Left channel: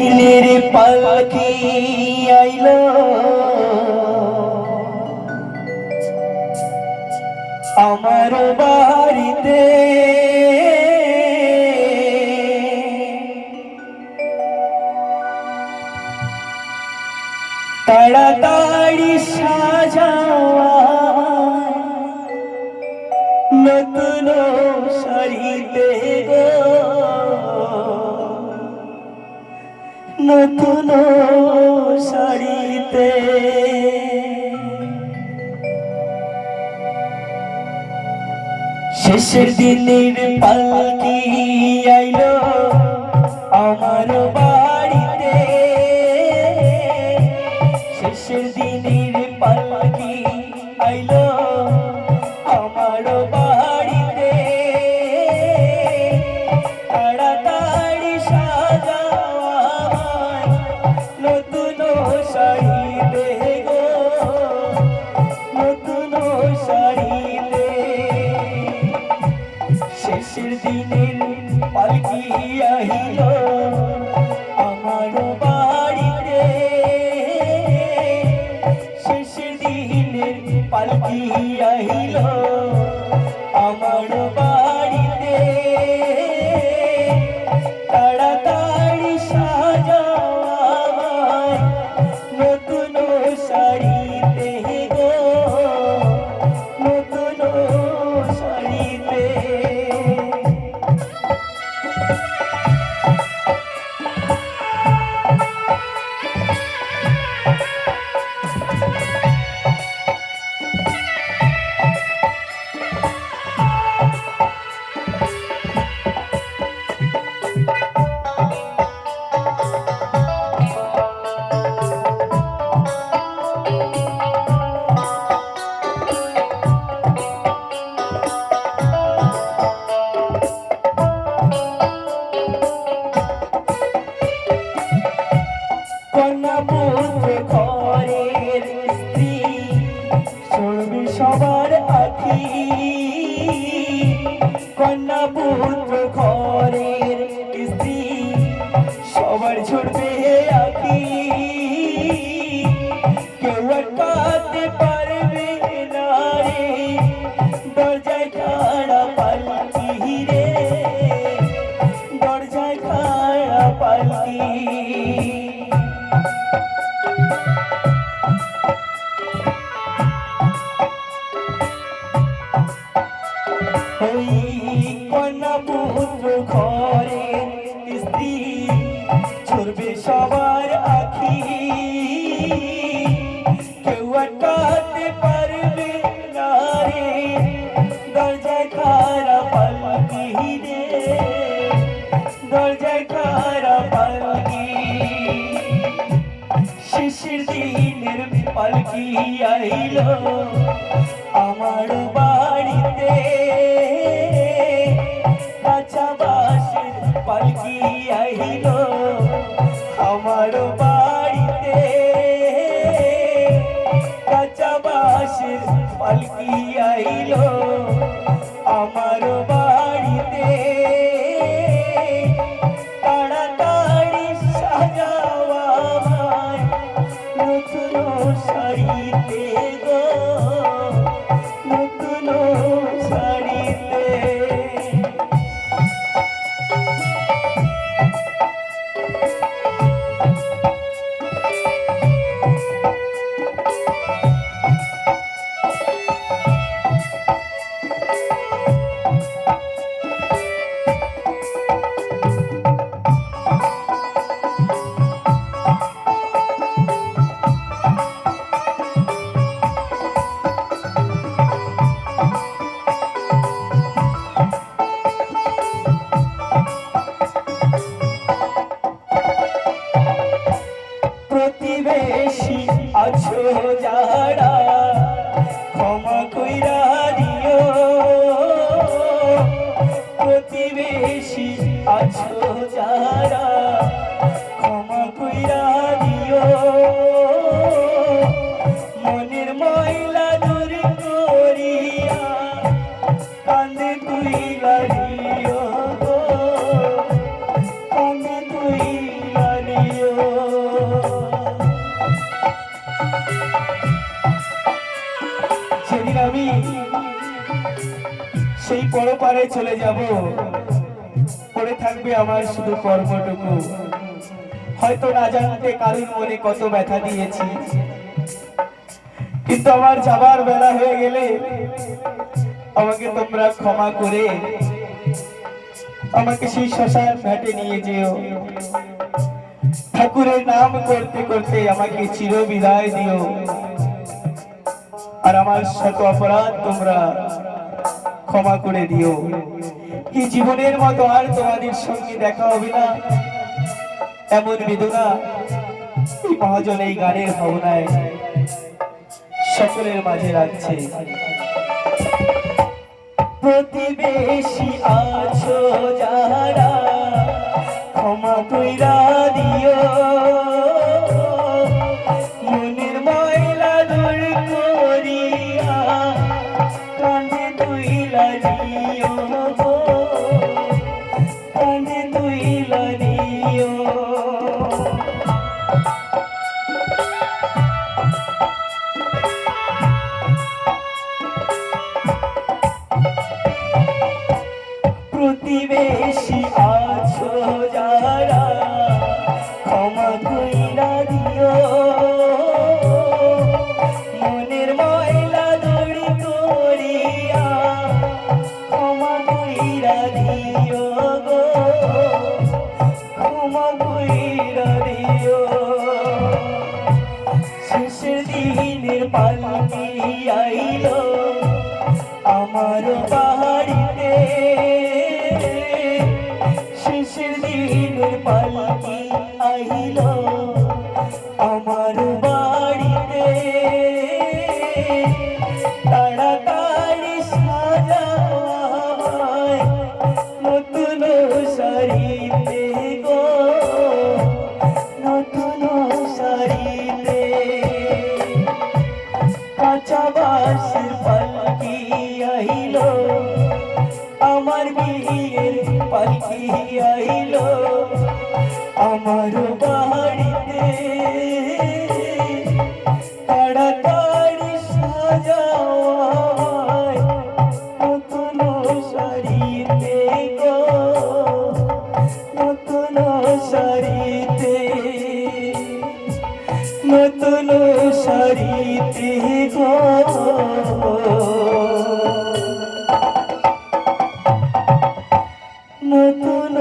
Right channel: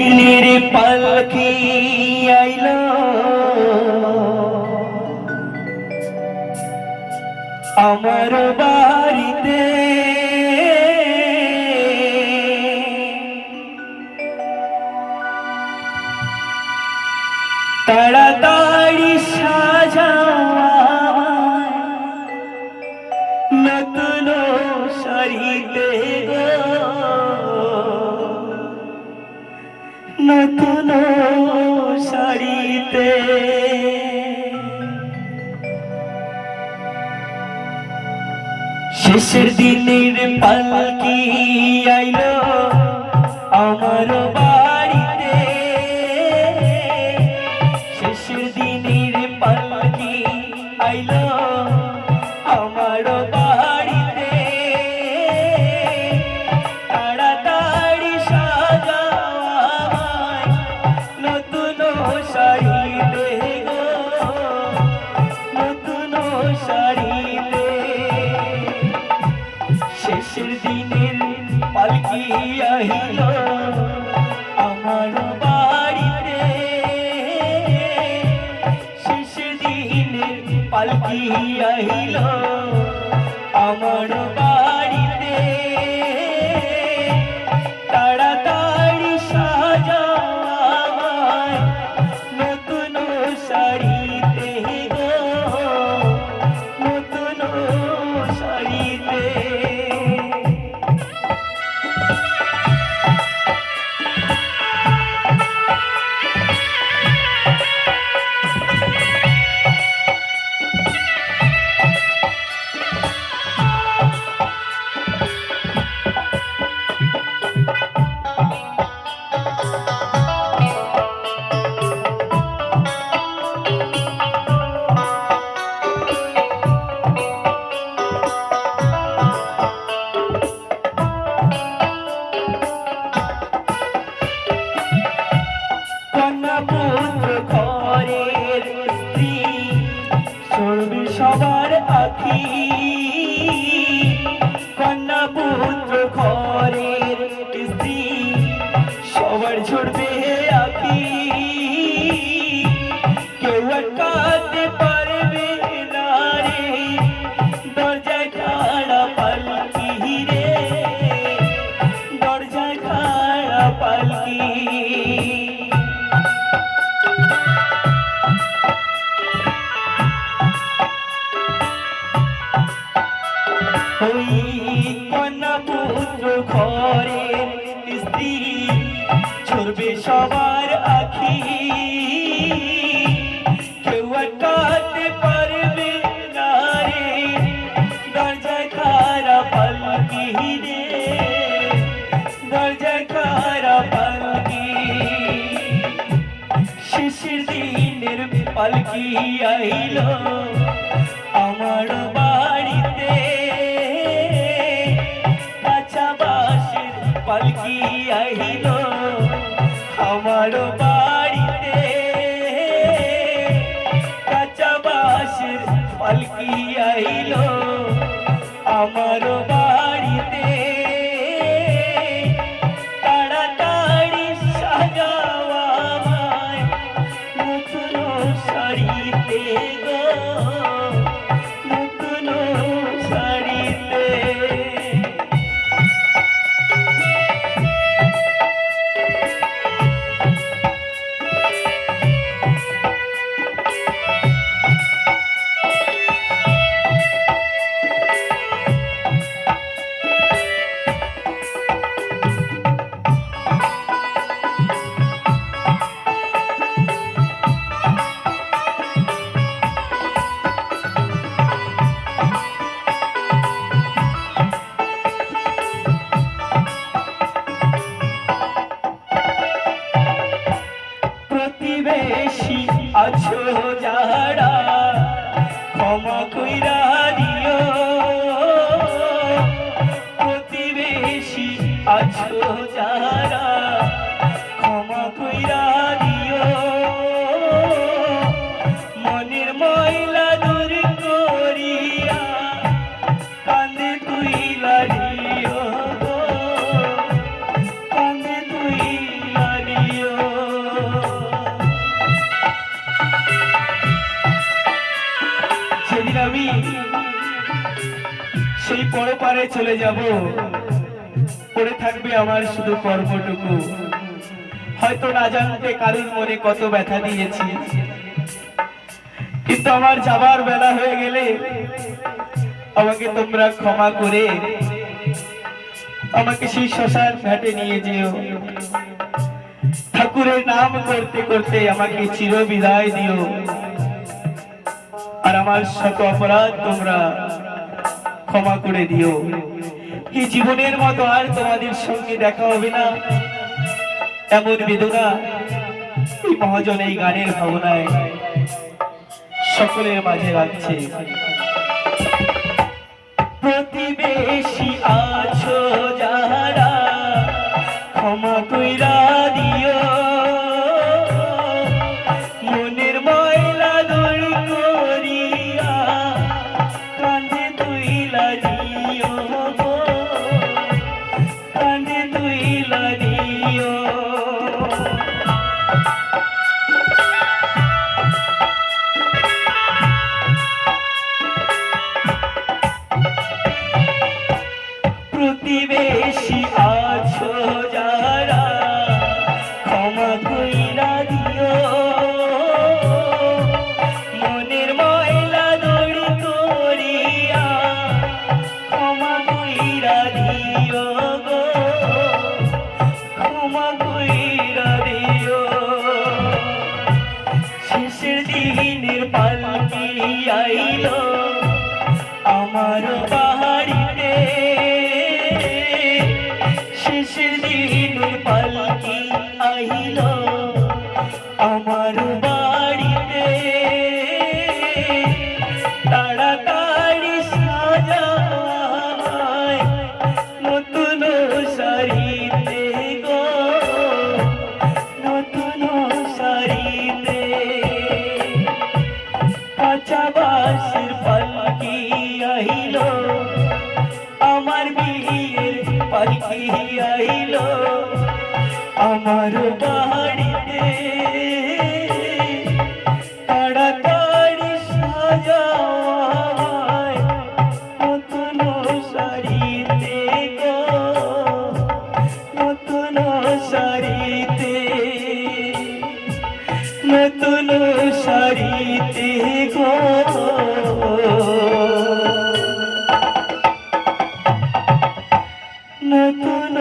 দিনের পালকি আইলো আমার বাড়িতে, তাড়াতাড়ি সাজাও নতুন শাড়িতে গো, নতুন শাড়িতে। শেষের দিনের পালকি আইলো আমার বাড়িতে, শেষের দিনের পালকি আইলো আমার বাড়িতে, তাড়াতাড়ি সাজাও আমায় নতুন শাড়িতে গো, নতুন শাড়িতে। শেষের দিনের পালকি আহিলো আমার বাড়িতে, শেষের দিনের পালকি আহিলো আমার বাড়িতে, তাড়াতাড়ি সাজাও আমায় নতুন শাড়িতে গো, নতুন শাড়িতে। কন্যা পুত্র ঘরের স্ত্রী সরবে সবার আখি, কন্যা পুত্র ঘরের স্ত্রী সবার ঝরবে আখি, কেউ আটকাতে পারবে না রে দরজায় খাড়া পালকি রে, দরজায় খাড়া পালকি। ওই কন্যা পুত্র ঘরের স্ত্রী ঝরবে সবার আখি, কেউ আটকাতে পারবে না রে দরজায় খাড়া পালকি রে, দরজায় খাড়া পালকি। শেষের দিনের পালকি আইলো আমার বাড়িতে, কাঁচা বাঁশের পালকি আইলো আমার বাড়িতে, কাঁচা বাঁশের পালকি আইলো আমার বাড়িতে, তাড়াতাড়ি সাজাও আমায় নতুন শাড়িতে গো, পায়ে চলে যাব, পড়ে থাকবে আমার শুধু কর্মটুকু। হয়তো না জানতে কারুর মনে কত ব্যথা দিয়েছি, কিন্তু আমার যাবার বেলা হয়ে গেলে আমাকে তোমরা ক্ষমা করে আমাকে সেই শ্মশান ঘাটে নিয়ে যেও। ঠাকুরের নাম করতে করতে আমাকে চির বিদায় দিও। আর আমার শত অপরাধ তোমরা ক্ষমা করে দিও। কি জীবনের মতো আর তোমাদের সঙ্গে দেখা হবে না, এমন বেদনা এই মহাজন এই গানের ভাবনায় সকলের মাঝে রাখছে। প্রতিবেশী আছো যারা, ক্ষমা কইরা দিও। মনের ময়লা দূর করিয়া কাঁধে তুইলা দিও, কাঁধে তুইলা দিও। প্রতিবেশী আছো যারা, ক্ষমা কইরা দিও। মনের ময়লা দূর করিয়া ক্ষমা কইরা দিও গো, ক্ষমা কইরা দিও। শেষের দিনের পালকি আইলো আমার বাড়িতে, শেষের দিনের পালকি আইলো আমার বাড়িতে। তাড়াতাড়ি সাজায় নতুন শাড়িতে গো, নতুন শাড়িতে। কাঁচা বাঁশের পালকি আইলো আমার বিয়ের পালকি আইলো আমার বাড়িতে। তাড়াতাড়ি সাজায় নতুন শাড়িতে গো, নতুন শাড়িতে, নতুন শাড়িতে গো। নতুন